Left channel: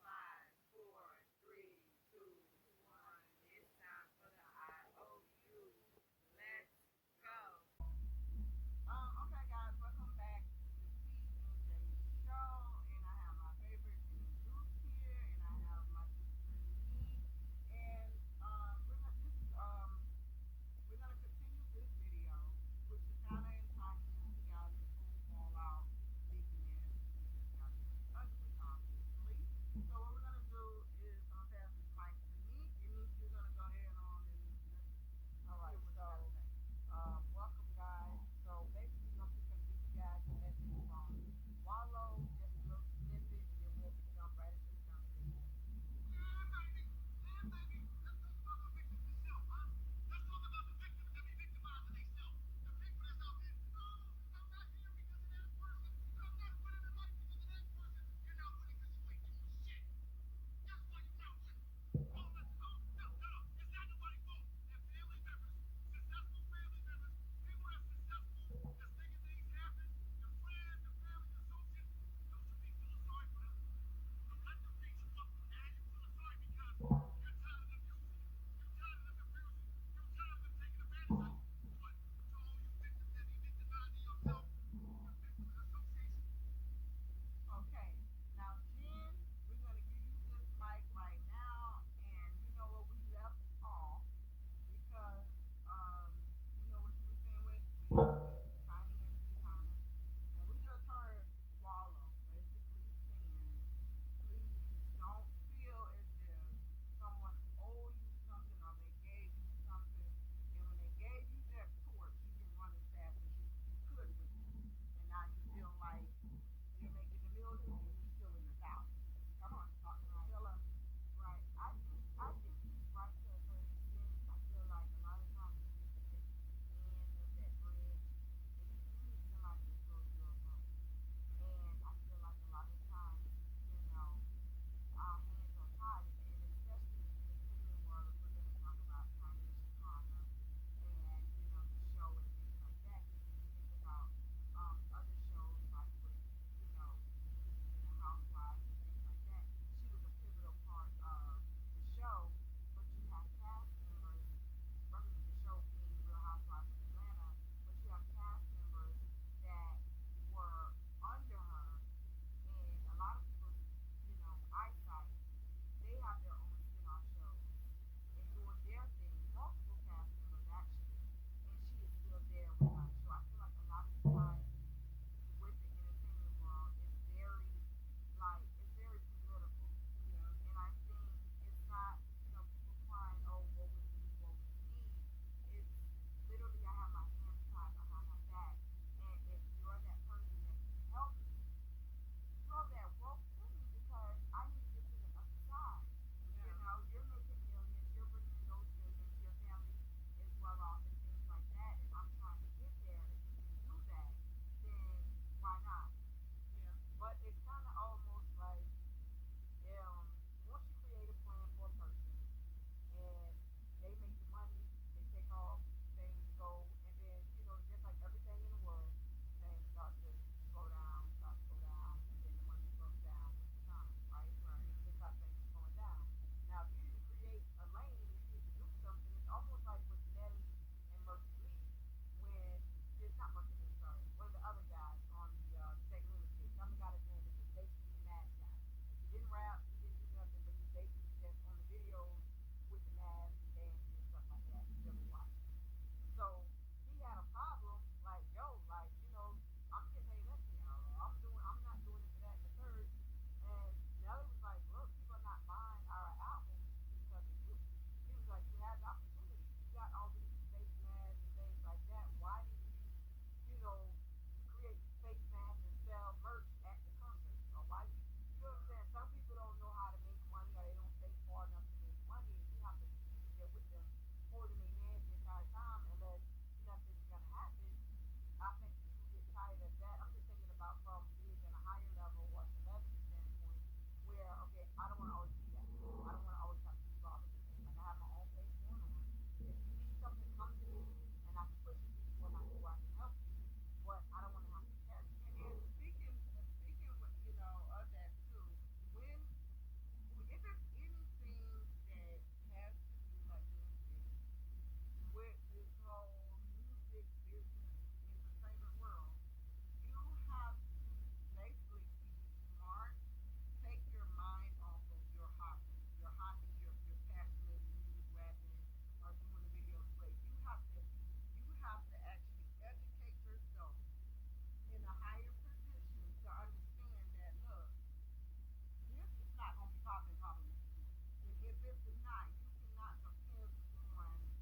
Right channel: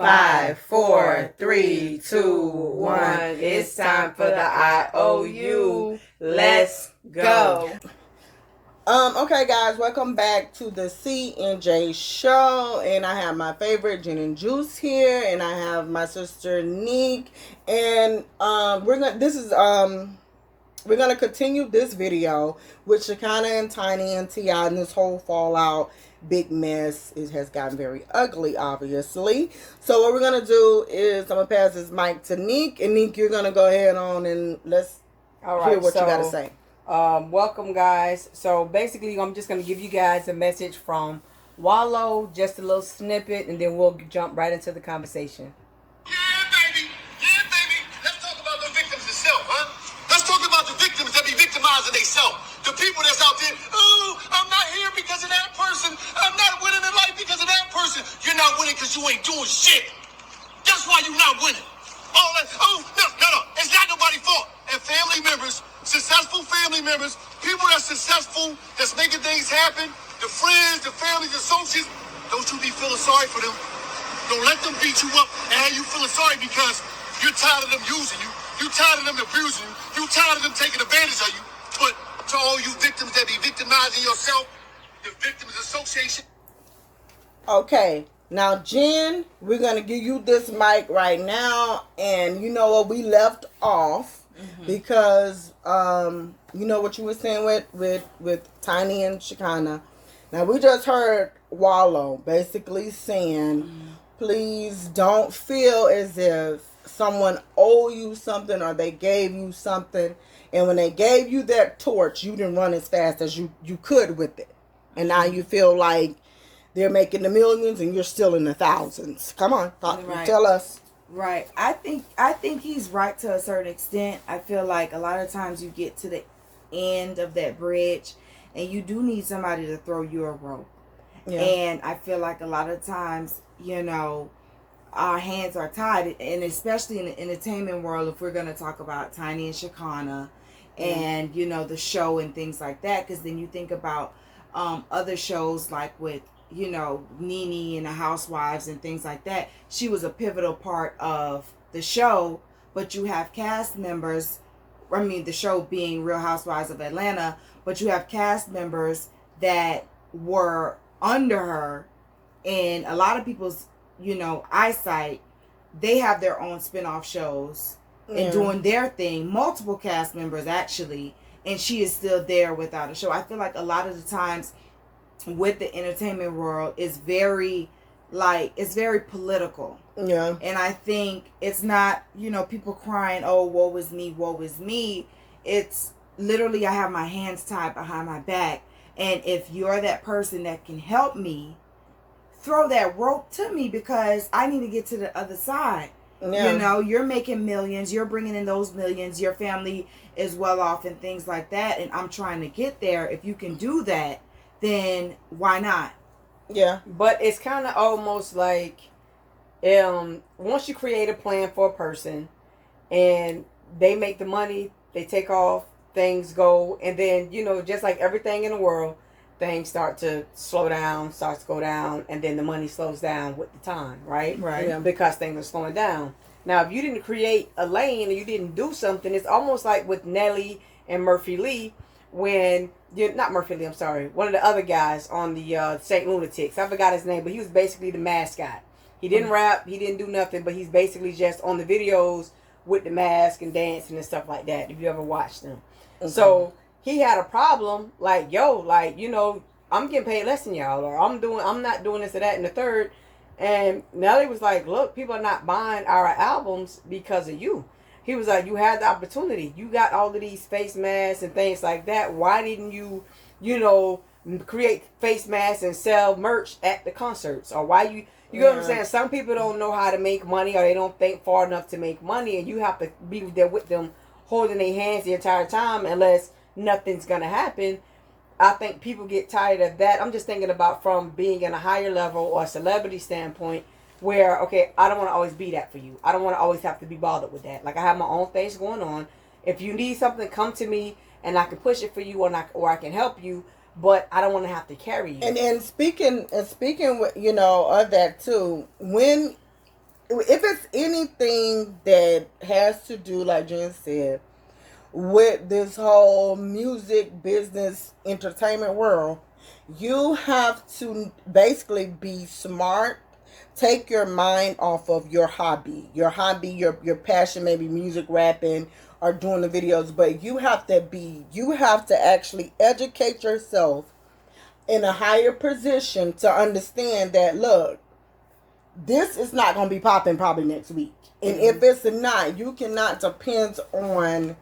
5, 4, 3, 2, 1. It's time for the IOU. Let's go. Okay, guys, welcome back to the C&J show, and I have my favorite gin and juice here, and I have my sister Neek, and we're gonna continue this video with Shekinah and Tiny and T.I. and this whole fallout. Big mess. It has gotten very ugly, obviously. So what we're gonna do is I'm gonna pass this mic to Neek, and Neek, you're gonna go ahead on and let's hear what you gotta say. Welcome, guys. So basically, I'm just going to give you guys a message from Wallow, just a little snippet, and then we'll jump right into the conversation. Yeah, baby. Let's talk about the victims themselves, huh? Let's talk about the victims that be victimizing themselves. The people that's out there, oh, I'm not here because of that person. I'm not winning in life because of that person. You're not winning because you ain't doing shit. That's why you're not winning. No. It's not nobody's fault. And family members, successful family members, people that's successful, that's making things happen, the friends, the families, the associates, don't you be feeling sorry for them. Don't let them beat you up and have you feeling sorry because you're tired of them using you. You're tired of them abusing you. You're tired of them taking advantage of you. But to all you victims that be victimizing yourself, the Victims Association. Okay. Now, Jen, we're going to give you this mic right now. And you know what? We left off because, you know what you were saying with Tiny and Shekinah. Now, we just heard Wallow basically saying, please don't feel as if someone owe you something or they gave you something. And when they gave you that torch, you didn't run as fast as you could with it. And now you feel like they're making the millions and you're still in the thousands. Come on, tell us. Right. I think he's right to a certain extent. I feel like a lot of times you get to the end of that bridge and you do need somebody to throw you a rope. Yeah. And I feel like a lot of times, you know, our hands are tied, and especially in the entertainment world, if we're going to talk about Tiny and Shekinah and, you know, the show and things like that, because then you think about other shows like with, you know, Nene and the Housewives and things like that. She was a pivotal part of the show, but you have cast members, the show being Real Housewives of Atlanta, but you have cast members that were under her, and a lot of people's, you know, eyesight, they have their own spin-off shows and doing their thing, multiple cast members actually, and she is still there without a show. I feel like a lot of the times with the entertainment world is very political. Yeah. And I think it's not, you know, people crying, oh, woe is me. It's literally, I have my hands tied behind my back. And if you're that person that can help me, throw that rope to me because I need to get to the other side. Yeah. You know, you're making millions, you're bringing in those millions, your family is well off and things like that. And I'm trying to get there. If you can do that, then why not? Yeah. But it's kind of almost like once you create a plan for a person and they make the money, they take off, things go, and then, you know, just like everything in the world, things start to slow down, starts to go down, and then the money slows down with the time, right? Right. Yeah. Because things are slowing down. Now, if you didn't create a lane and you didn't do something, it's almost like with Nelly and Murphy Lee, when not Murphy Lee, I'm sorry, one of the other guys on the St. Lunatics. I forgot his name, but he was basically the mascot. He didn't rap, he didn't do nothing, but he's basically just on the videos with the mask and dancing and stuff like that, if you ever watched them. So he had a problem, like, you know, I'm getting paid less than y'all, or I'm not doing this or that and the third. And Nelly was like, look, people are not buying our albums because of you. He was like, you had the opportunity. You got all of these face masks and things like that. Why didn't you, you know, create face masks and sell merch at the concerts? Or why you know what I'm saying? Some people don't know how to make money, or they don't think far enough to make money, and you have to be there with them, holding their hands the entire time, unless nothing's going to happen. I think people get tired of that. I'm just thinking about from being in a higher level or a celebrity standpoint, where, okay, I don't want to always be that for you. I don't want to always have to be bothered with that. Like, I have my own things going on. If you need something, come to me, and I can push it for you, or I can help you, but I don't want to have to carry you. And speaking with, you know, of that too, when if it's anything that has to do, like Jen said, with this whole music business entertainment world, you have to basically be smart. Take your mind off of your hobby, your passion, maybe music, rapping, or doing the videos. But you have to actually educate yourself in a higher position to understand that, look, this is not going to be popping probably next week. And if it's not, you cannot depend on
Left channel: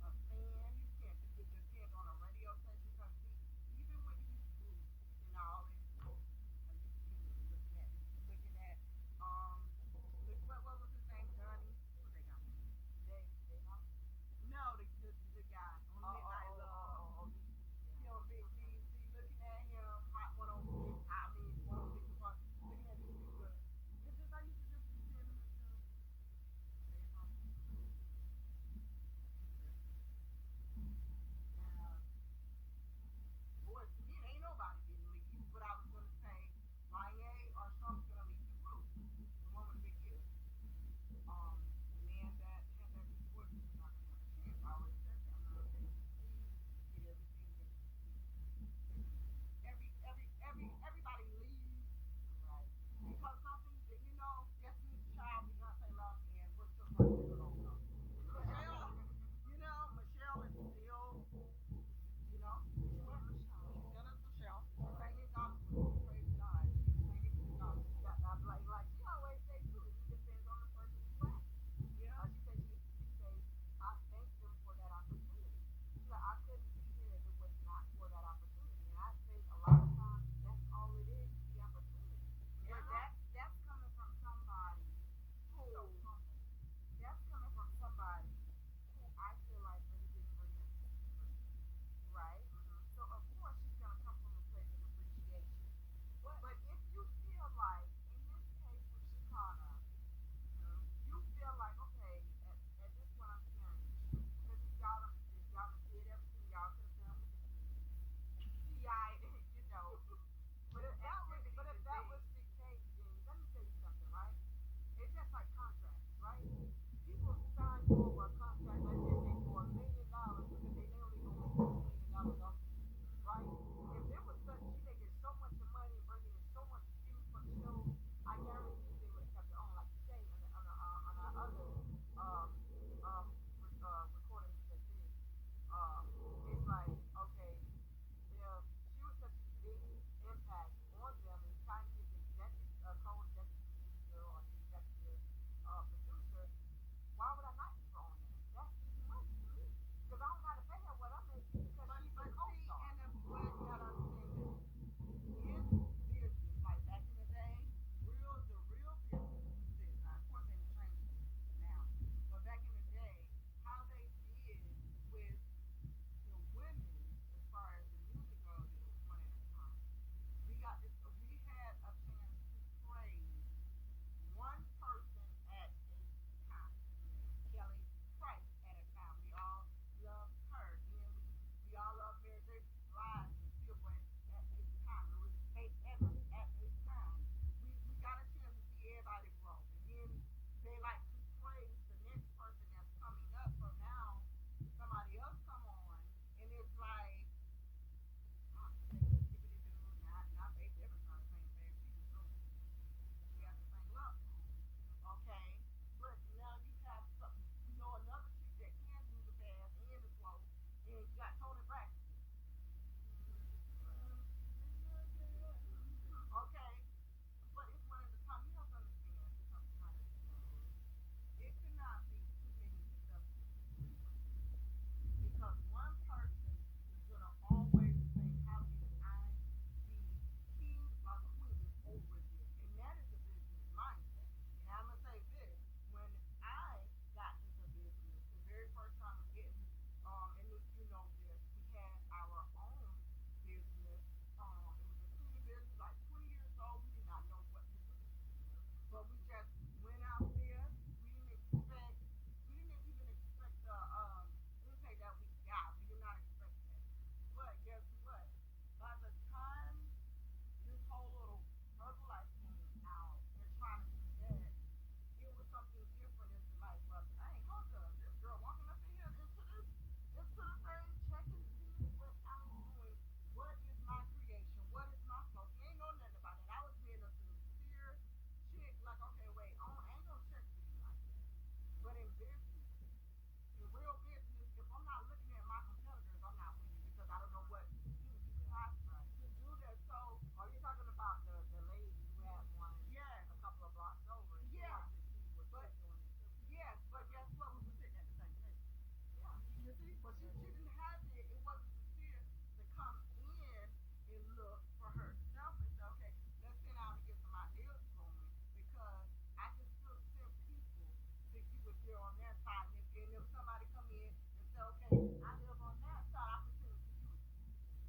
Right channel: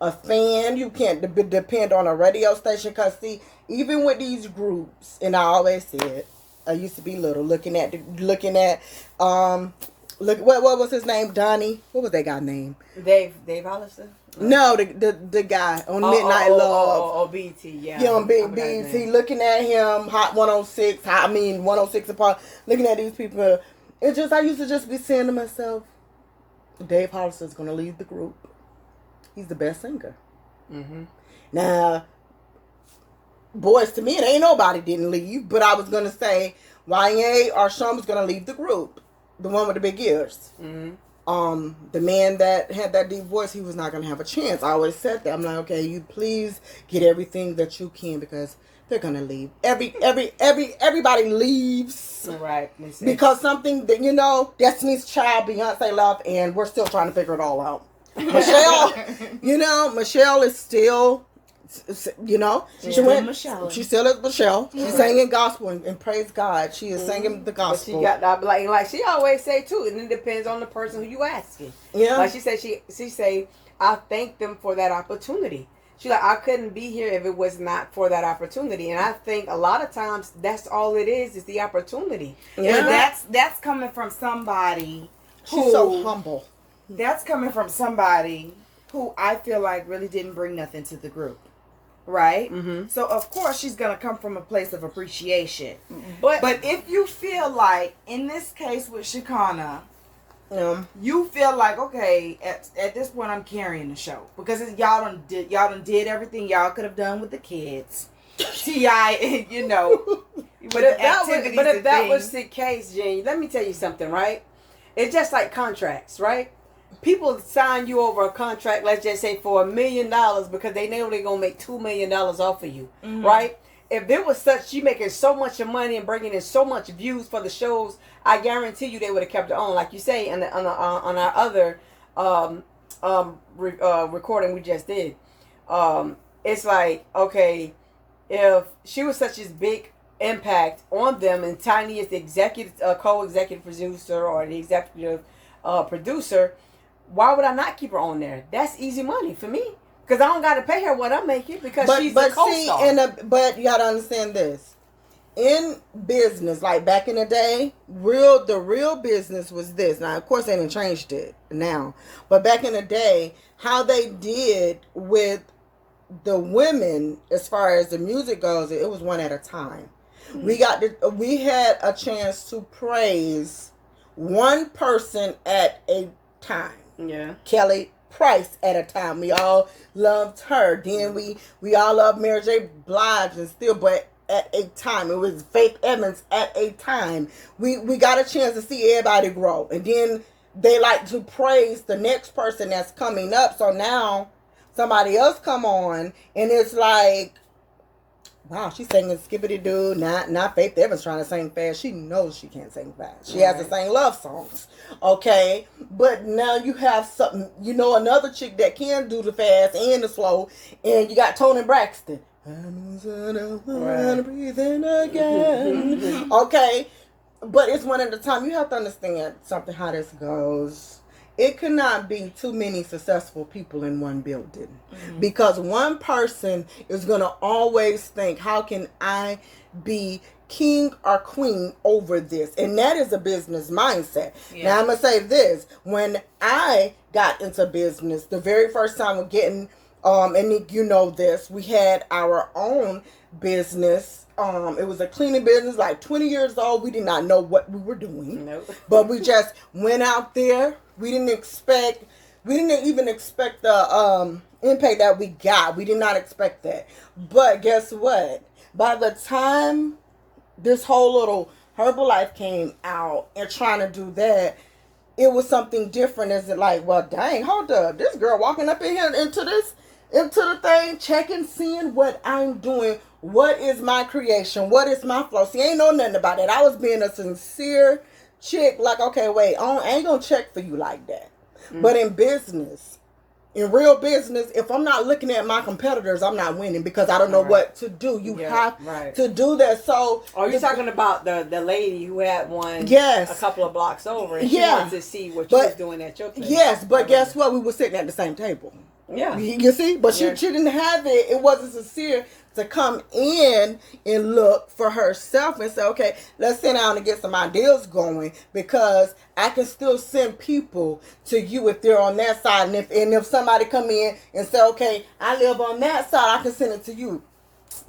a fan. You can't depend on a radio station. Because, see, even with these groups, and I always said, I used to be little, looking at, what was his name? Donnie? What was that guy's name? Dave Hollister? No, the guy on Midnight Love. Oh, BT, yeah. Yeah, on BT, looking at him, Hot 106, 106 apart, looking at these people. It's just, I used to just be saying to myself, Dave Hollister's going to leave the group. He's the best singer. Mm-hmm. Now, boys, to me, it ain't nobody didn't leave, but I was going to say, YA or Sean was going to leave the group. The one with the big ears. Mm-hmm. The man that had that deep voice, he was not going to have a chance. I always said that. I'm like, okay, you please get everything that you can, because they're going to leave. Everybody leaves. Right. Because something that, Destiny's Child, Beyonce left, and we're still trying to figure it all out. Michelle, Michelle is still, she went. Michelle. She still is Michelle. She's singing gospel, and praise God, she is singing the gospel. But she got that, like she always say too, and it depends on the person who you asking. Yeah. Like she said, she say, I thank them for that opportunity. She like, I couldn't be here if it was not for that opportunity. And I think a lot of times that's all it is the opportunity. Yeah. But that's coming from somebody who's so humble. That's coming from somebody who I feel like really didn't bring nothing to the group. Right? Mm-hmm. So, of course, she's going to come from a place of appreciation. But if you feel like, in this case with Shekinah, you feel like, okay, at this point I'm carrying the show. Because y'all done did everything y'all could have done with the kids. T.I., But if that was the case, Jane, let me tell you something, right? It's just like contracts, right? People sign you over a contract, let's just say for $1 million, because they know they're going to make $2 million off of you, right? If there was such, you making so much money and bringing in so much views for the shows, I guarantee you they would have kept it on. Like you say, on our other recording we just did. It's like, okay, if she was such a big impact on them, and Tiny is the executive, co-executive producer or the executive producer, why would I not keep her on there? That's easy money for me, because I don't got to pay her what I'm making, because she's a co-star. But you got to understand this. In business, like back in the day, the real business was this. Now, of course, they didn't changed it now. But back in the day, how they did with the women, as far as the music goes, it was one at a time. We had a chance to praise one person at a time. Yeah. Kelly Price at a time. We all loved her. Then we all loved Mary J. Blige and still, but at a time. It was Faith Evans at a time. We got a chance to see everybody grow. And then they like to praise the next person that's coming up. So now somebody else come on and it's like, wow, she's singing Skippity Doo. Not Faith Evans trying to sing fast. She knows she can't sing fast. She has to sing love songs. Okay? But now you have something, another chick that can do the fast and the slow. And you got Toni Braxton. I'm breathing again. Okay? But it's one at a time. You have to understand something, how this goes. It could not be too many successful people in one building. Mm-hmm. Because one person is going to always think, how can I be king or queen over this? And that is a business mindset. Yeah. Now, I'm going to say this. When I got into business, the very first time we're getting, and Nick, you know this, we had our own business. It was a cleaning business, like 20 years old. We did not know what we were doing. Nope. But we just went out there. We didn't even expect the impact that we got. We did not expect that. But guess what? By the time this whole little Herbalife came out and trying to do that, it was something different. Is it like, well, dang, hold up, this girl walking up in here into the thing, checking, seeing what I'm doing. What is my creation? What is my flow? See, ain't know nothing about it. I was being a sincere chick. Like, okay, wait, I ain't gonna check for you like that. But in business, in real business, if I'm not looking at my competitors, I'm not winning because I don't know what to do. You have to do that. So, are you talking about the lady who had one yes, a couple of blocks over and she wanted to see what you was doing at your place? Yes, but guess what? We were sitting at the same table. Yeah. You see? But she didn't have it. It wasn't sincere to come in and look for herself and say, okay, let's sit down and get some ideas going, because I can still send people to you if they're on that side. And if somebody come in and say, okay, I live on that side, I can send it to you.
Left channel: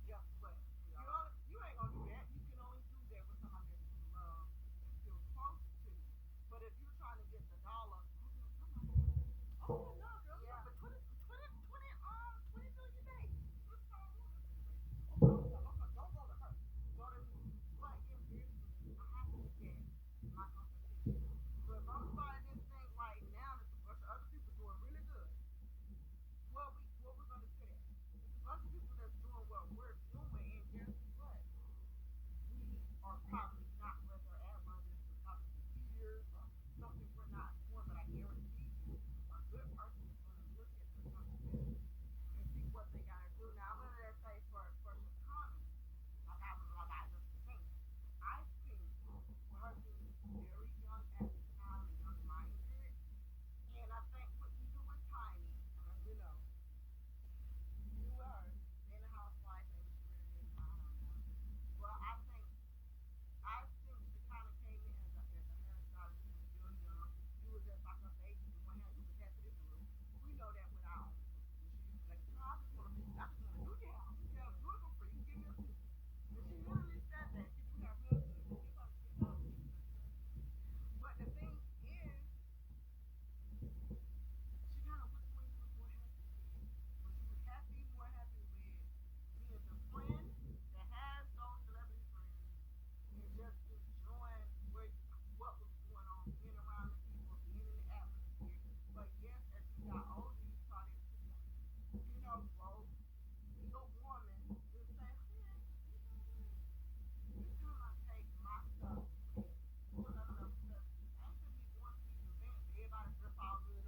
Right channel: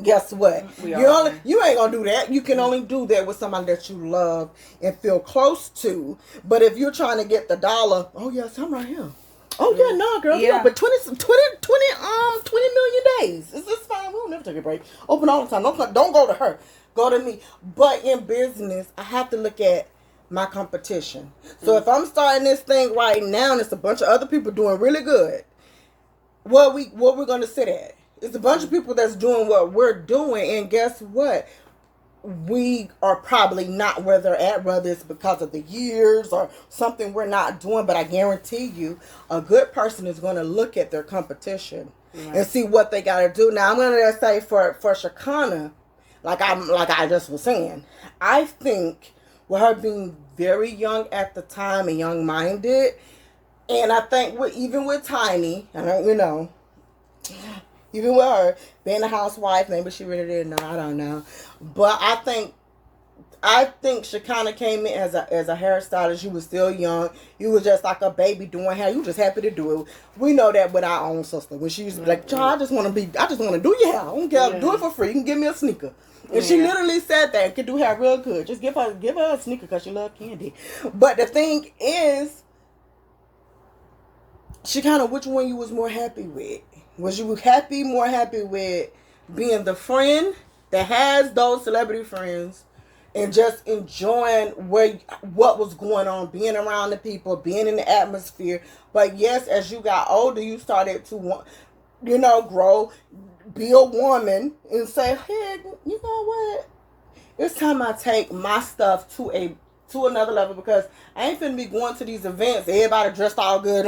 Guess what? You ain't gonna do that. You can only do that with somebody that you love and feel close to. But if you're trying to get the dollar, oh yes, I'm right here. Oh yeah, no, girl. Yeah, but 20 million days. It's just fine. We'll never take a break. Open all the time. Don't go to her. Go to me. But in business, I have to look at my competition. So if I'm starting this thing right now, and it's a bunch of other people doing really good, what we're gonna sit at? It's a bunch of people that's doing what we're doing, and guess what? We are probably not where they're at, whether it's because of the years or something we're not doing. But I guarantee you, a good person is going to look at their competition and see what they got to do. Now, I'm going to say for Shekinah, like I just was saying, I think with her being very young at the time and young-minded, and I think even with Tiny, even with her being a housewife, maybe she really didn't know. I don't know, but I think Shekinah came in as a hairstylist. You was still young. You was just like a baby doing hair. You was just happy to do it. We know that with our own sister. When she used to be like, "Child, I just want to do your hair. I don't care. Do it for free. You can give me a sneaker." And she literally said that could do hair real good. Just give her a sneaker because she loves candy. But the thing is, Shekinah, which one you was more happy with? Was you more happy with being the friend that has those celebrity friends and just enjoying what was going on, being around the people, being in the atmosphere? But yes, as you got older, you started to, grow, be a woman and say, hey, you know what? It's time I take my stuff to another level, because I ain't finna be going to these events. Everybody dressed all good.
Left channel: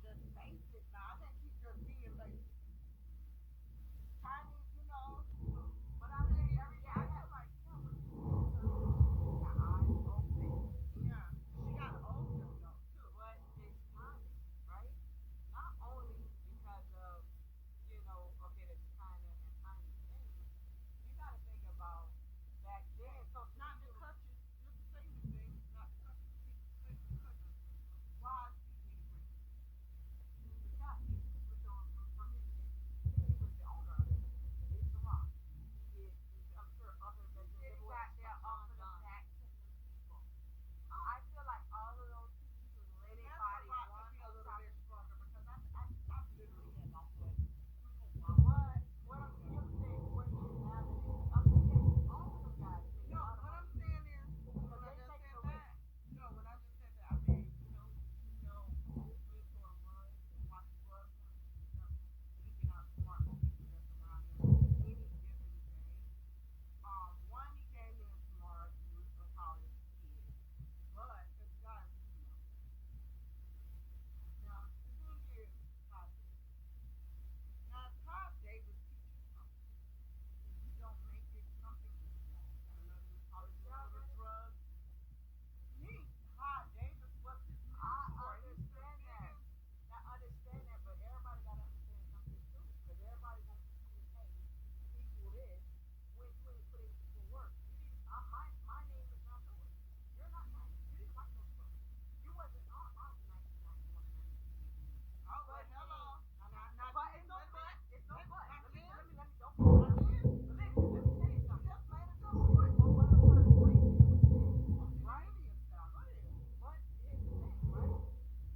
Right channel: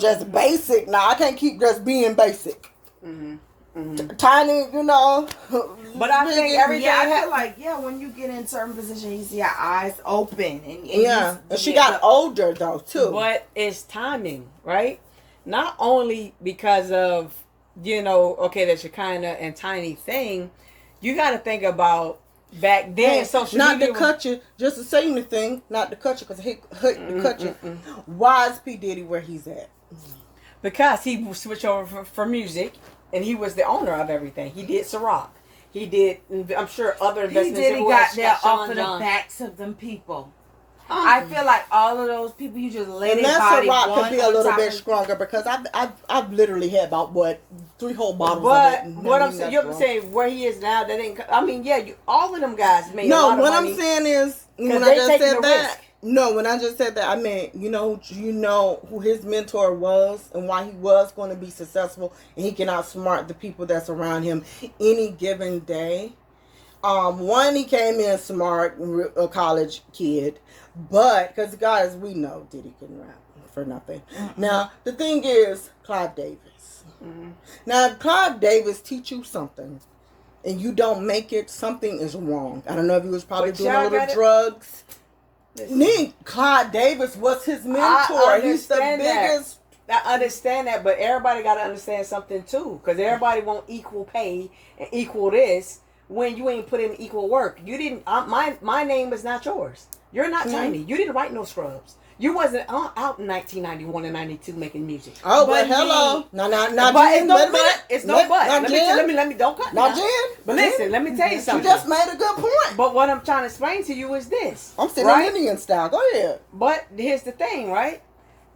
Just basic. Now I can't keep just being basic. Tiny, But I think everything. Yeah, I feel like when you get in certain positions, you see your eyes open, and she got older though too. But it's timing, right? Not only because of the Shekinah and Tiny thing. You got to think about. Back then, social not media to cut you, just to say anything, not to cut you, because he cut you. Why is P. Diddy where he's at? Because he switched over for music, and he was the owner of everything. He did Ciroc. He did, I'm sure, other investments. He got there off of the backs of them people. I feel like all of those people, you just let it body Ciroc could be a little bit stronger, because I've literally had about 3 whole bottles of it. But what I'm saying, you're saying where he is now, that ain't. I mean, all of them guys made a lot of money. No, what I'm saying is, when I just said that, when I just said that, I meant, who his mentor was and why he was going to be successful, and he can outsmart the people that's around him any given day. One, he came in smart, a college kid, but because guys, we know Diddy couldn't rap for nothing. Now the thing is, Clive Davis. Now, if Clive Davis teach you something and you don't make it, something is wrong. I don't know if he was probably doing a little drugs. Clive Davis was his mentor. He's the biggest. I understand that, but everybody got to understand something too, because everybody want equal pay and equal this when you ain't put in equal work. You didn't. My name is not yours. You're not Tiny. You didn't write no Scrubs. You wasn't out in 1991 and 92 making music. Oh, but hello. No, but Jen, it's no but. Let me don't cut. Now, Jen. But listen, let me tell you something. You just made a good point. But what I'm trying to explain to you is this. I'm sitting in Indian style. Go ahead. But here's the thing, right?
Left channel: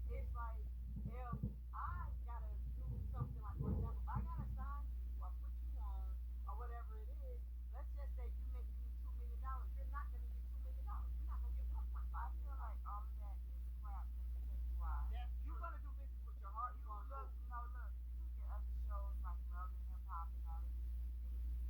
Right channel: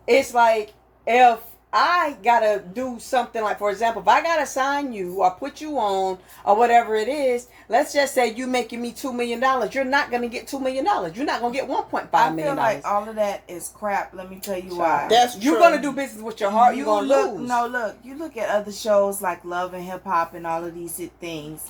It's like if I gotta do something like, for example, if I gotta sign you or put you on or whatever it is, let's just say you making me $2 million, you're not gonna get $2 million. You're not gonna get $1.5 million. I feel like all of that is crap. Let me tell you why. That's true. You're gonna do business with your heart. You're gonna lose. No, look. You look at other shows like Love and Hip Hop and all of these things.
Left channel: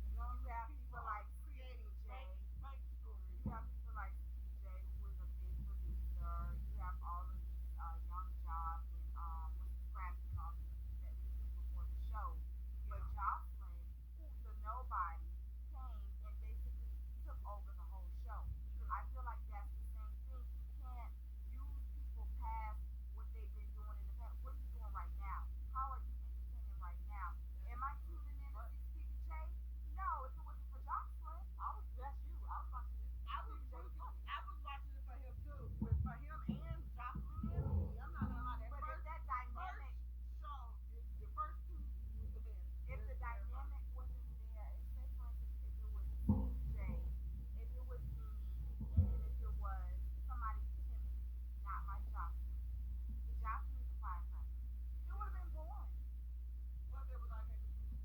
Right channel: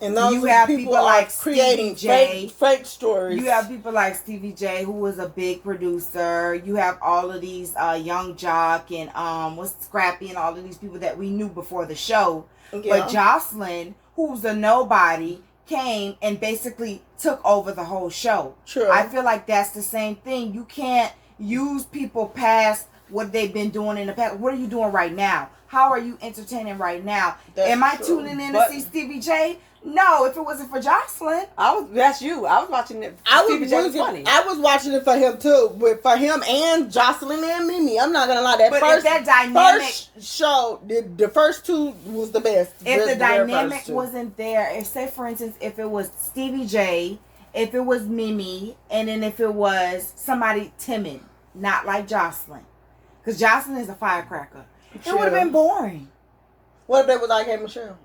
And those you have people like creating fake stories. You have people like Stevie J, who was a big producer. You have all of these Young Jock and what's Scrappy and all of these people that we knew before the show. Yeah. But Jocelyn, who's a nobody, came and basically took over the whole show. True. I feel like that's the same thing. You can't use people past what they've been doing in the past. What are you doing right now? How are you entertaining right now? Am I tuning in to see Stevie J? No, if it wasn't for Jocelyn. That's you. I was watching it. Stevie J was funny. I was watching it for him too. For him and Jocelyn and Mimi. I'm not gonna lie. First show, the first two was the best. If the dynamic wasn't there, if say for instance, if it was Stevie J, if it was Mimi, and then if it was somebody timid, not like Jocelyn. Because Jocelyn is a firecracker. It would have been boring. What if they was like, hey, Michelle?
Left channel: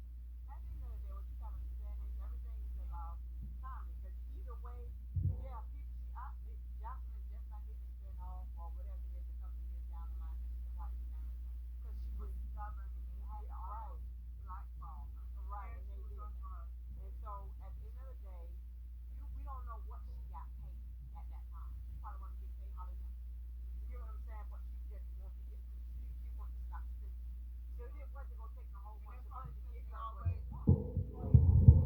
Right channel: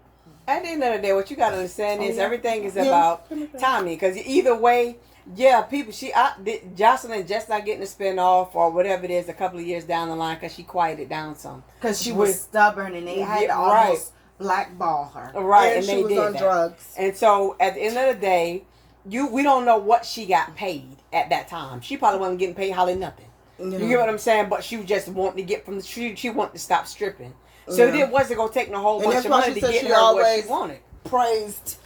At the end of the day, what you got to understand is everything is about timing. Because either way, Jocelyn just not getting a spin-off or whatever it is a couple of years down the line because she quieted down some. Because she was stubborn and they had to almost blackball her. Right, and they she was on drugs. And so at the end of the day, we don't know what she got paid at that time. She probably wasn't getting paid hardly nothing. You get what I'm saying? But she just wanted to get from the street. She wanted to stop stripping. So it wasn't going to take no whole bunch of money to get her what she wanted. Praised,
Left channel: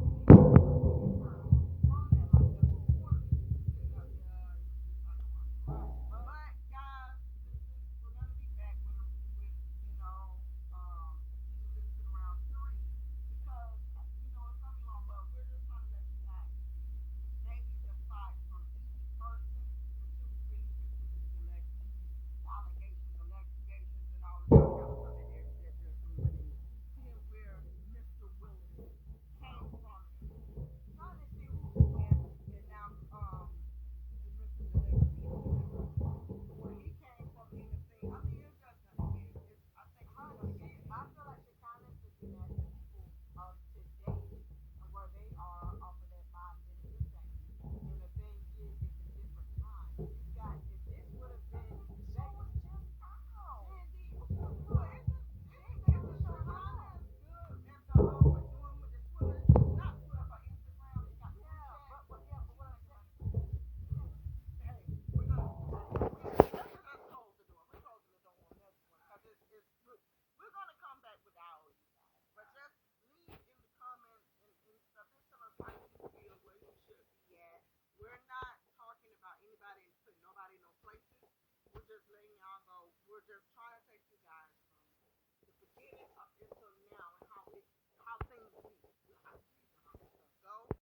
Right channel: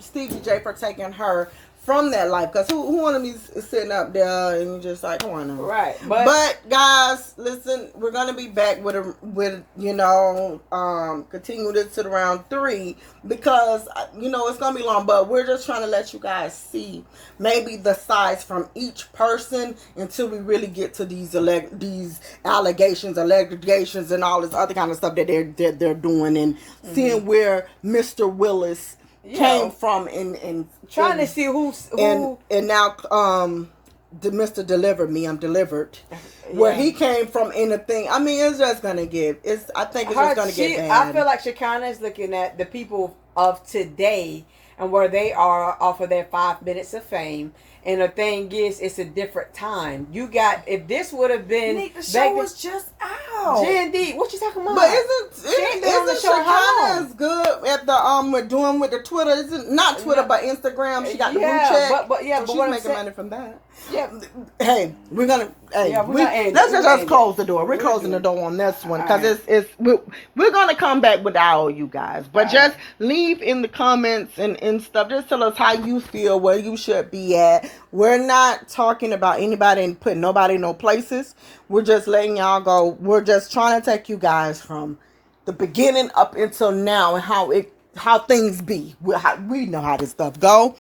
Stevie J for taking her from that life. Because who wanted me sitting up there and just like, come on now. Right. But guys, listen, we're going to be back with continue this to round 3 because, it's going to be long. But we're just trying to let you guys see maybe the sides from each person until we really get to these allegations, and all this other kind of stuff that they're doing and seeing where Mr. Willis came from and trying to see who and now the Mr. Deliver Me, I'm delivered. Where he came from in the thing. I mean, it's just gonna get I think it's just gonna get bad. I feel like Shekinah is looking at the people of today and where they are off of their 5 minutes of fame. And the thing is, it's a different time. If this would have been... Nick, the show was just out. G&D, what you talking about? But isn't Shekinah good at the, with the Twitter? Isn't not Twitter, but Instagram. She got the blue check. But she's making money from that. Yeah. Hey, let's just close the door. We're closing the door on this one because we're gonna come back with all you guys. But just leave in the comments and stuff. Just tell us how you feel, where you should be at. We're not talking about anybody and putting nobody in no places. We're just letting y'all go. We're just trying to take you guys from the beginning up until now and how things be. We know how this stuff go.